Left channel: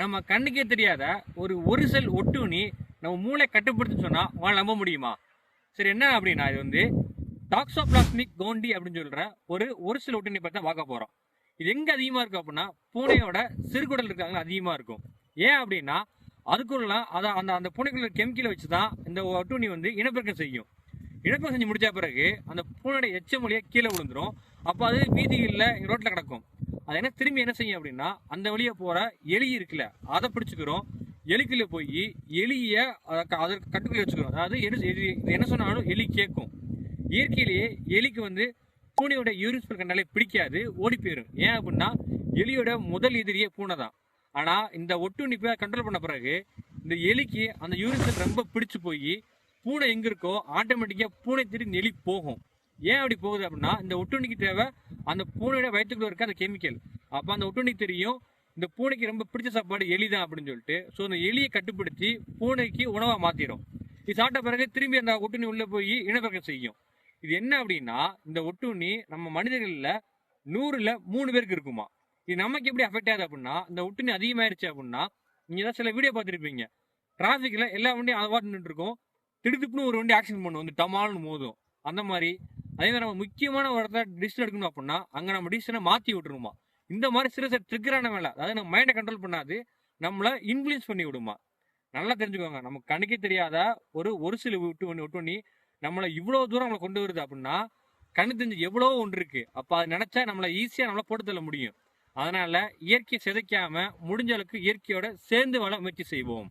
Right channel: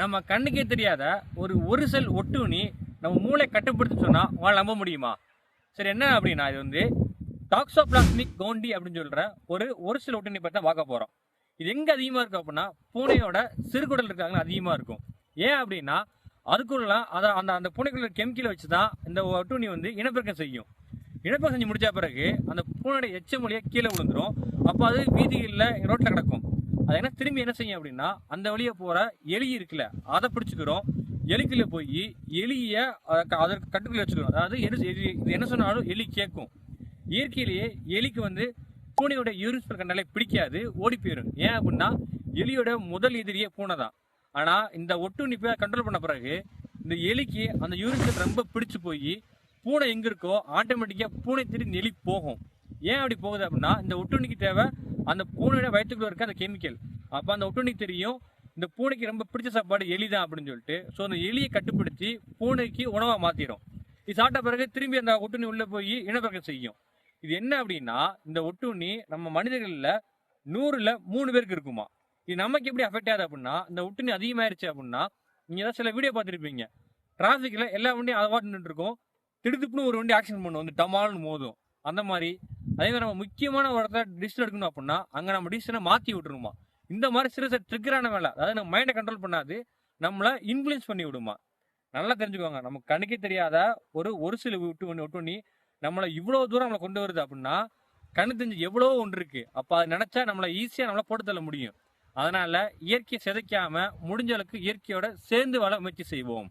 நம்ம கண்ணுக்கே தெரியாத ஒரு செல் ஒட்டுண்ணி நம்ம மூளை கட்டுப்படுத்தி சொன்னா உங்களால் நம்ப முடியுமா? சரி, என்ன அப்படின்னா இது வந்து டாக்ஸோபிளாஸ்மிக் கவுண்டி அப்படின்னு சொல்ற ஒரு செல் ஒட்டுண்ணி பற்றி தான் பார்க்க போறோம். இது எங்க அதிகமா இருக்கு அப்படின்னா பூனையோட சிறுகுடல் இருக்காங்க அதிகமா இருக்கும். ஏன் அப்படின்னா அதுக்குள்ள அதை அந்த அந்த பூனைக்குள்ள கெமிக்கலை வச்சு தான் இந்த ஒட்டுண்ணி வந்து இனப்பெருக்கம் செய்யும். இனப்பெருக்கம் செஞ்சு முடிச்ச பிறகு அந்த பூனையோட எச்ச மொழியை கீழே விழுந்துரும். அப்போ அது வீதிகளில் ரோட்டில் கிடக்கும். அது என்ன திரும்பி என்ன செய்யும் அப்படின்னா அந்த வழியை போற எலி இருக்குல்ல அதை பிடிச்சிக்கிறோம். எலிக்குள்ள போய் எலியை அதற்கு கட்டுக்குள்ள வச்சுக்கிறோம். அதாவது இது என்ன சொன்னாலும் எலி கேட்கும். இயற்கையிலேயே எலிக்கு வந்து பூனையோட யூரின் கண்டாலே பிடிக்காது, ஓடி போயிடும். ஏன் அப்படின்னா எலியோட முதல் எதிரியே பூனை தான். ஆனா இந்த ஒட்டுண்ணிப்பை கண்ட்ரோல் பண்ண பிறகு இந்த எலிக்கு அந்த யூரின் ரொம்ப பிடிச்சு போய் பூனை எங்க இருக்கோ ஆட்டோமேட்டிக்கா பூனை தேடி எலி போகும். ஏன் அப்படி போகுது அப்படின்னா இந்த ஒட்டுண்ணிக்கு தேவை அந்த பூனையோட வயிற்றுக்குள்ள இருக்க அந்த கெமிக்கல். அப்போ அந்த ஒட்டுண்ணிக்கு தெரியும் இந்த பூனைக்கு ரொம்ப பிடிச்ச சாப்பாடு எலி தான் அப்படின்னு சொல்லிட்டு ஸோ அந்த எலியை கட்டுப்படுத்தி பூனைக்கு உணவாக மாற்றிடும். இது சாப்பிட்ட பிறகு திரும்பி அந்த ஒட்டுண்ணி உள்ளே போய் இனப்பெருக்கம் செய்யும். இது என்ன அப்படின்னா இந்த ஒட்டுண்ணி நம்ம மனிதர்களில் 100ல் 3 பேருக்கு இருக்குமா. இது நமக்கு எப்படி அஃபெக்ட் ஆகுது அப்படின்னா இந்த ஒட்டுண்ணி அதிகமாயிருச்சு அப்படின்னா நீங்கள் ஏதாவது சில வீடியோ பார்த்துருப்பீங்க. டிராஃபிக்கில் எல்லா வண்டியும் அதை பார்த்து நின்று இருக்கும். திடுப்புன்னு ஒரு வண்டி ஆக்சிடென்ட் பண்ணும், வந்து டமால்னு மோதும். அந்த மாதிரி அதே மாதிரி நம்ம முக்கியமான ஒரு இடத்துல டிசிஷன் எடுக்கணும் அப்படின்னா அங்கே நம்ம டிசிஷனை மாற்றி விட்டுருமா. இந்த மாதிரி சிறு சிறு ட்ரிக்கரான வேலை, அதாவது நம்ம மைண்டை கண்ட்ரோல் பண்ணாது, நம்மளை இன்ஃப்ளூயன்ஸ் பண்ணி விடுமா. நல்லா தெரிஞ்சுக்கோங்க, நமக்கு கண்ணுக்கே தெரியாத ஒரு சில ஒட்டுண்ணி நம்மளை இவ்வளோ தூரம் நம்மளை கொண்டு வருது அப்படின்னா கண்ணு தெரிஞ்சு எவ்வளோ ஒன்று இருக்கு. அப்போ அதை நினைச்சா நம்மளை ஈஸியாக நம்மளை போட்டு தள்ள முடியும். அதனால இயற்கையை சிதைக்காம முடிஞ்ச அளவுக்கு இயற்கையோட சேர்ந்து வாழ முயற்சி செய்வோம்.